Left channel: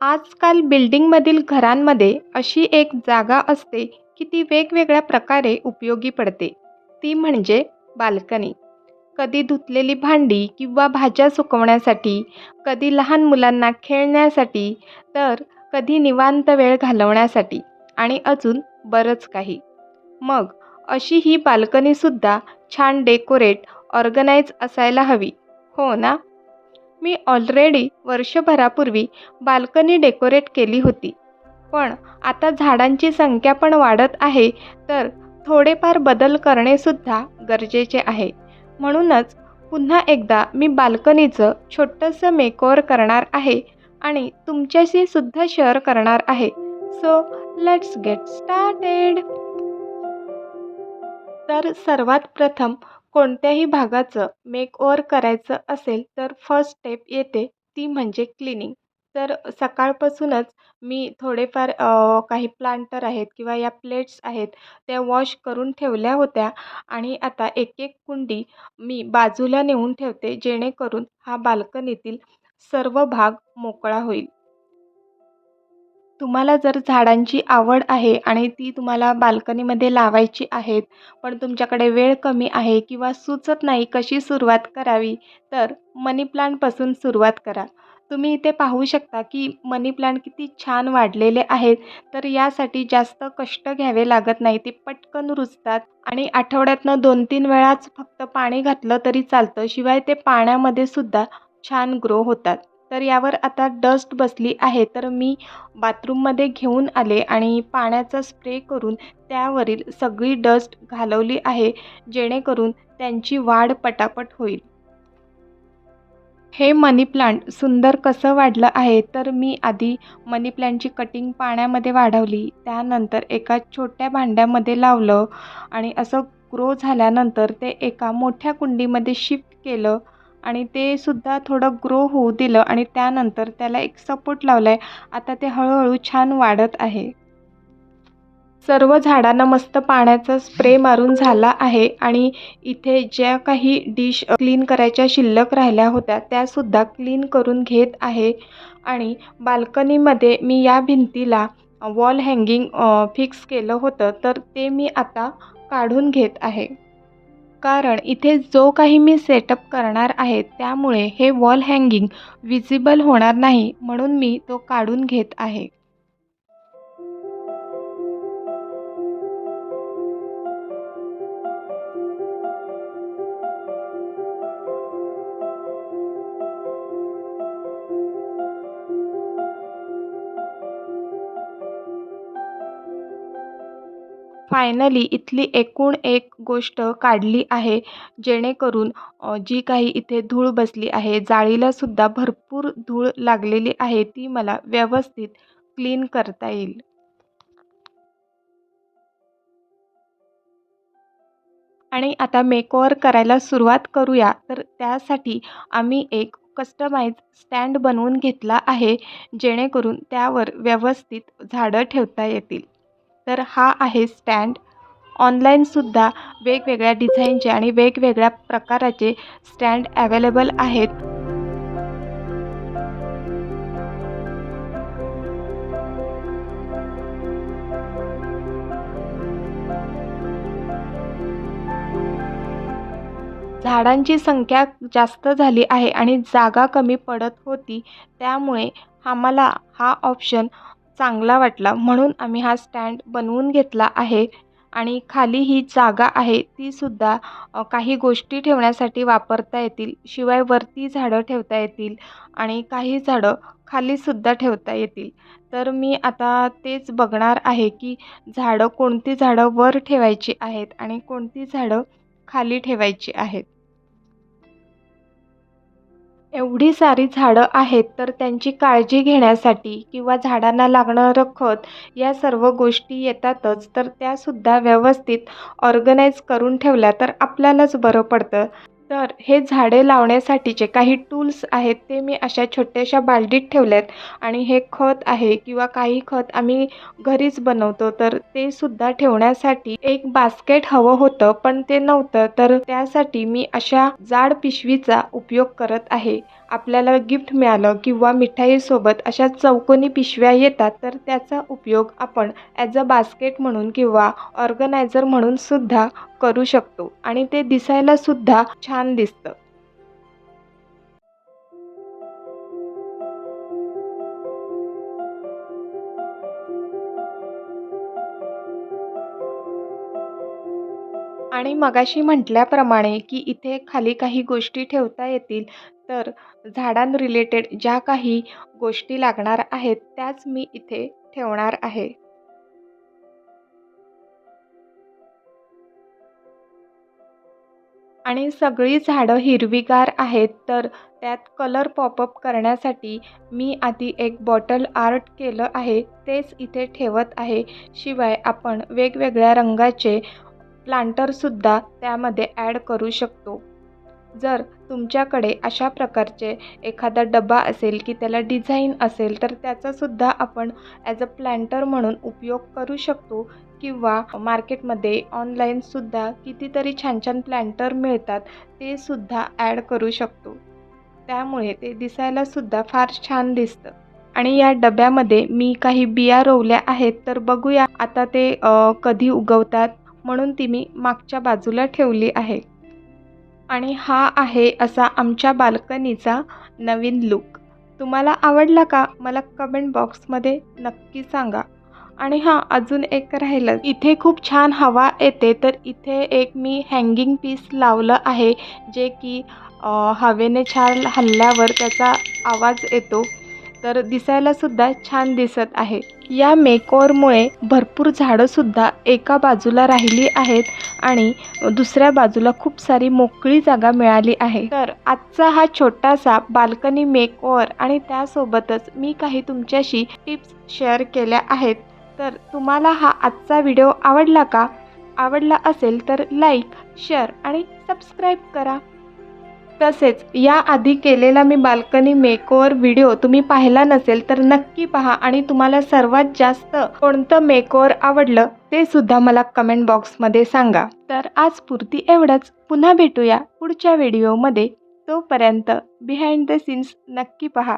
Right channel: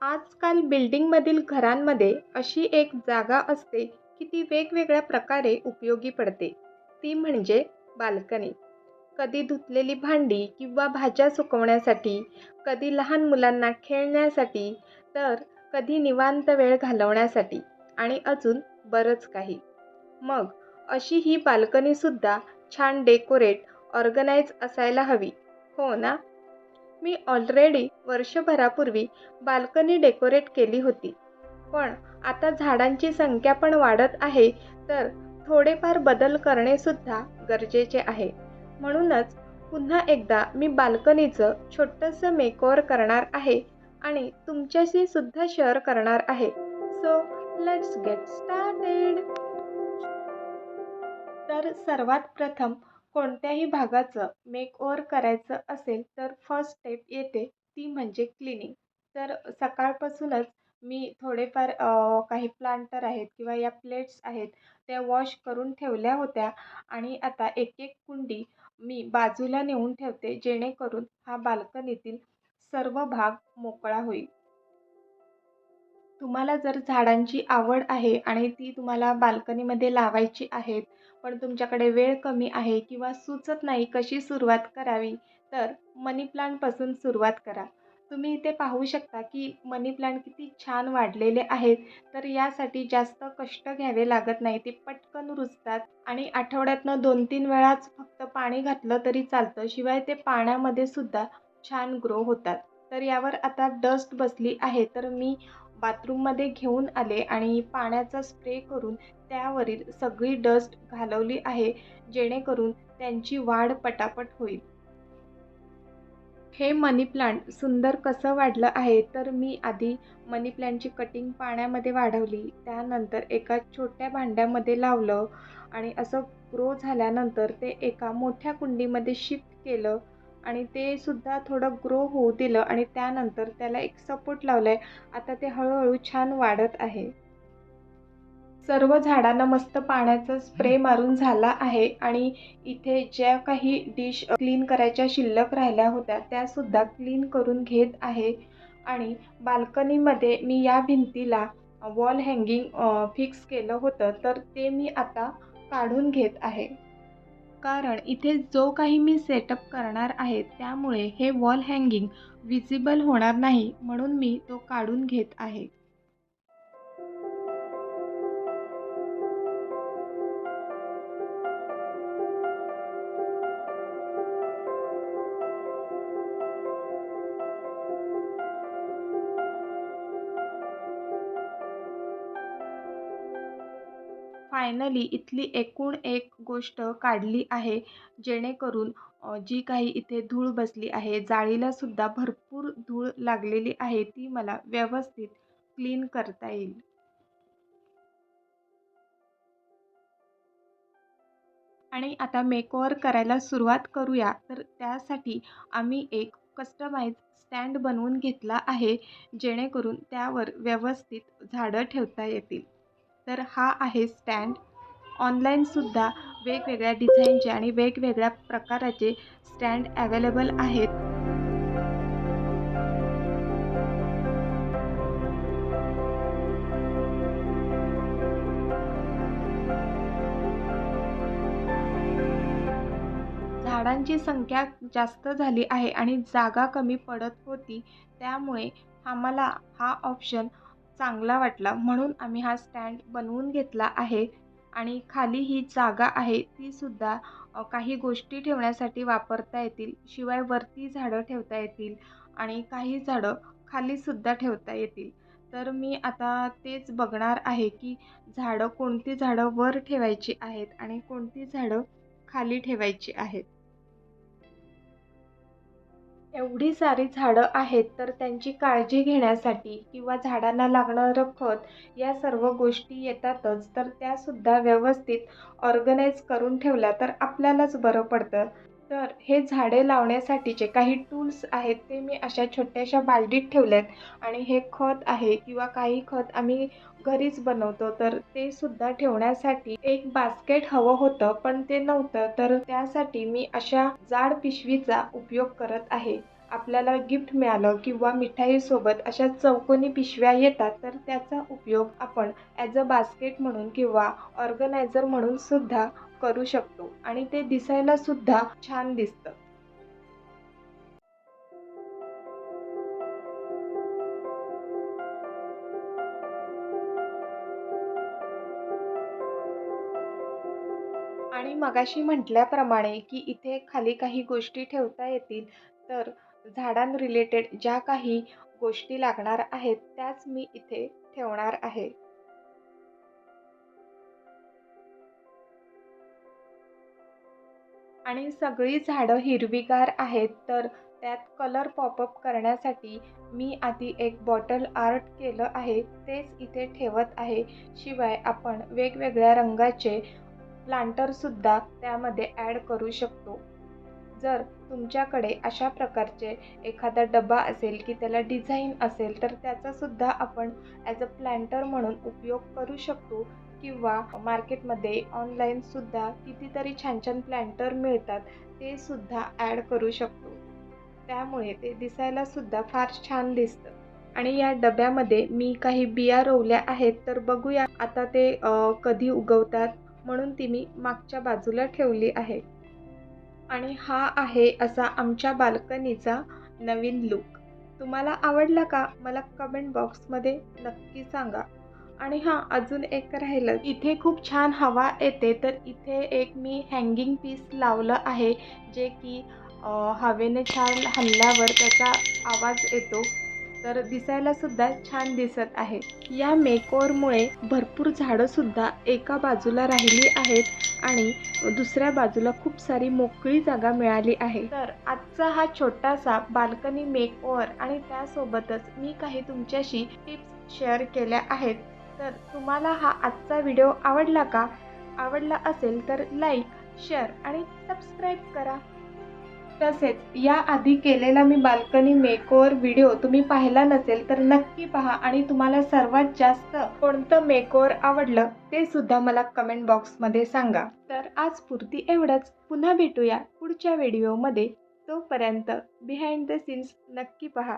आजकाल बिल्डिंगमधील घरांमध्ये अशी एक जागा असते की ती वेगवेगळ्या प्रकारे उपयोगी पडते. ती म्हणजे बाल्कनी. कधी धुतलेली भांडी किंवा भाज्या सुकवण्यासाठी कधी लहान मुलांना खेळण्यासाठी तर कधी निवांत वेळ घालवण्यासाठी आणि अजून बरंच काही. मग अशी ही बाल्कनीसुद्धा छान डेकोरेट ऑर्गनाईज असायला हवी. हो ना? मी ऑलरेडी वर्षभरापूर्वी बाल्कनी डेकोरेट केली होती. पण आता झाडांची संख्या पण वाढत आहे तर थोडेफार बदल करणेसुद्धा गरजेचे आहे. म्हणूनच पुन्हा एकदा मी बाल्कनीचं छोटंसं मेकओवर करणार आहे आणि तुमच्याशी सुद्धा शेअर करणार आहे. सो लेट्स गेट स्टार्टेड तर सर्वात प्रथम कोणत्याही भागाचं मेकओवर करायचं असेल तर फर्स्ट स्टेप येते ती म्हणजे क्लिनिंग तर सकाळपासूनच मी थोडेफार काही प्लांटर आहेत किंवा या प्लेट्स आहेत त्या वॉश करून ठेवल्या होत्या आणि आता एक एक कुंडी मी बाजूला नेऊन ठेवते जेणेकरून हा बाल्कनीतील सर्व भाग मोकळा होईल. तुम्हाला जर झाडांची आवड आहे आणि ती तुम्हाला बाल्कनीमध्ये लावायची आहेत पण तुमच्याकडे वेळ कमी आहे किंवा सुचत नाही कशी सुरुवात करावी तर मनी प्लांटपासून सुरुवात करा. तुम्ही इथे पाहू शकता की मनी प्लांट किती छान वाढलेले आहेत तर यासाठी जास्त कष्ट घ्यावे लागत नाही ते पटकन रुजतात आणि आठवड्यातनं दोन तीन वेळाच फक्त पाणी घातलं तरी चालतं शिवाय ते पाण्यामध्ये सुद्धा छान ग्रो होतात. तर यावर आता डस्ट बसली आहे. तर मी बाथरूममध्ये घेऊन आले आणि पाण्याचा स्प्रे करून त्यावरील सगळी डस्ट घालवली आहे जेणेकरून त्यांची वाढ पटापट होईल. हे मनी प्लांट सुंदर कसं वाढलं आहे? तर मी आधी मनी प्लांटची कटिंग पाण्यामध्ये वाढवली त्यानंतर एका छोट्या भांड्यामध्ये लावलं आणि असं ग्रो झाल्यानंतर ते एका मोठ्या कुंडीमध्ये शिफ्ट केलं आणि ते सुद्धा थोडं ग्रो होऊ दिलं आणि त्यानंतर त्याला एक सपोर्ट लावला आहे आता ते हळूहळू छान वाढत आहे. सर्व झाडांना मस्त पाण्याचा स्प्रे मारून झाला आहे आणि इथे ज्या काही डिश क्लीन करायच्या शिल्लक राहिल्या होत्या त्यासुद्धा क्लीन करून घेत आहे. आणि बाल्कनीमध्ये मी या भिंतीला वॉल हँगिंग फिक्स केलं होतं तर ते मी आता काढून घेत आहे. कारण इथे जो काही मी सेटअप करणार आहे त्यामुळे हे वॉल हँगिंग विजिबल होणार नाही म्हणून मी तो काढून घेत आहे. फायनली इथली एकूण एक गोष्ट काढली आहे जेणेकरून जी काही इथे धूळ बसली आहे जाळीलासुद्धा भरपूर धूळ लागलेली आहे ती मला व्यवस्थित क्लीन करता येईल. आणि आता मेकओवर करायला सुरुवात करूया. तर त्यासाठी आम्ही एक कस्टमाइज स्टँड बनवून घेतला आहे जेणेकरून त्यावर व्यवस्थित झाडं ठेवता येतील. तर हा आहे स्टँड. ऑनलाईनसुद्धा वेगवेगळ्या डिझाईनचे आणि वेगवेगळ्या प्रकाराचे स्टँड अवेलेबल आहेत. झाडांची संख्या जास्त झाली आहे आणि जागा कमी पडत होती. त्यामुळे आम्हाला हा ऑप्शन चांगला वाटला म्हणून आम्ही हा स्टँड बनवून घेतला आहे. आणि खाली ही जागा आहे तीसुद्धा काही गोष्टी ठेवण्यासाठी वापरता येतील. शिवाय वरती झाडं ठेवता येतील आणि काही झाडं खालीसुद्धा ठेवता येतील. तर मी आता तेच बघणार आहे की झाडं कोणती झाडं वर ठेवायची आहेत आणि कोणती झाडं खाली ठेवायची आहेत. एवढी सारी झाडं आहेत तर त्यांची काळजी घेण्यासाठी किंवा झाडांना लागणारं खत या सर्व गोष्टी येतातच तर त्यासुद्धा व्यवस्थित ऑर्गनाईज करून ठेवल्या तर आपल्यालाच बरं पडतं. तर हे झाडे लावण्यासाठीचे काही टूल्स आहेत ते मी अशा छोट्याशा बालडीत ठेवल्यात. आणि हे खत आहे किंवा काही खत आम्ही घरीच बनवतो तर ते सुद्धा ठेवण्यासाठी एक बास्केट हवं होतं पण ते नव्हतं. तर त्यासाठी मी अशा जाड पिशवीचा उपयोग करत आहे. आपल्याला गिफ्ट मिळालं किंवा मिठाईसोबत अशा चौकोनी पिशव्या येतात तर त्याचा उपयोग आपण ॲज अ बास्केट म्हणून किंवा ऑर्गनायझर म्हणून सुद्धा करू शकतो. आणि ते दिसायला सुद्धा छान दिसतं. आणि मगाशी म्हटल्याप्रमाणे की इथे खाली काही गोष्टी ठेवता येतील तर झाडां रिलेटेड ज्या काही गोष्टी लागणार आहेत त्याच मी इथे ठेवणार आहे. आणि सगळी झाडं हिरवीगार आहेत तर त्यात कलर पॉपअप करण्यासाठी मी आधी एक बॉटल आर्ट केलं आहे तेच इथे ठेवत आहे. शिवाय आपण वेगवेगळ्या रंगाचे प्लांटरसुद्धा त्यामध्ये ॲड करू शकतो. जर तुमच्याकडे अशा प्रकारचे एखादा डबा असेल की त्याला डिझाईन असेल तर त्याचासुद्धा आपण ॲज अ प्लॅन्टर म्हणून उपयोग करू शकतो किंवा मार्केटमध्ये ऑनलाईनसुद्धा कितीतरी छान छान प्लॅन्टर मिळतात ते सुद्धा ॲड करू शकतो. त्यामुळे ते दिसायलासुद्धा फार छान दिसतं. आणि या डब्यामध्ये मी काही बिया रोवल्या आहेत तर बघूया आता ते कधी उगवतात. म्हणून ती मी मागच्या बाजूला ठेवली आहे. आणि हा आहे असा आमच्या बाल्कनीचा नवीन लुक तुम्हाला आवडला का? मला कमेंट बॉक्समध्ये नक्की सांगा. आणि हां अजून एक राहिलं इथे खूप छान हवा येते तर इथे एक मी हँगिंग पीस लावलं आहे जे की हवेने छान हल्ल्यावर त्याचा आवाज येतो. तर दिसायलासुद्धा छान दिसत आहे. या मेकओवरमुळे भरपूर झाडंसुद्धा एका बाजूला राहिली आहेत आणि दुसऱ्या बाजूला खूप सारी मोकळी जागा मिळाली आहे. तर आजचा हा छोटासा बाल्कनी मेकओव्हर आणि त्यासोबतच मी काही तुमच्याशी टिप्स शेअर केल्या आहेत. तर तुम्हाला हा आजचा व्हिडिओ आवडला का? आवडला असेल तर लाईक शेअर आणि सबस्क्राईब करा. तसेच याआधी केलेला मी बाल्कनी मेकओवर व्हिडिओ तुम्ही पाहिला नसेल तर नक्की पहा आणि तुम्हाला सर्वात जास्त कोणतं मेकओवर आवडलं ते सुद्धा मला कमेंट बॉक्समध्ये सांगा. तर आज पुरती एवढंच. पुन्हा भेटूया पुढच्या व्हिडिओमध्ये. तोपर्यंत बिहाइंड द सीन्स नक्की पहा.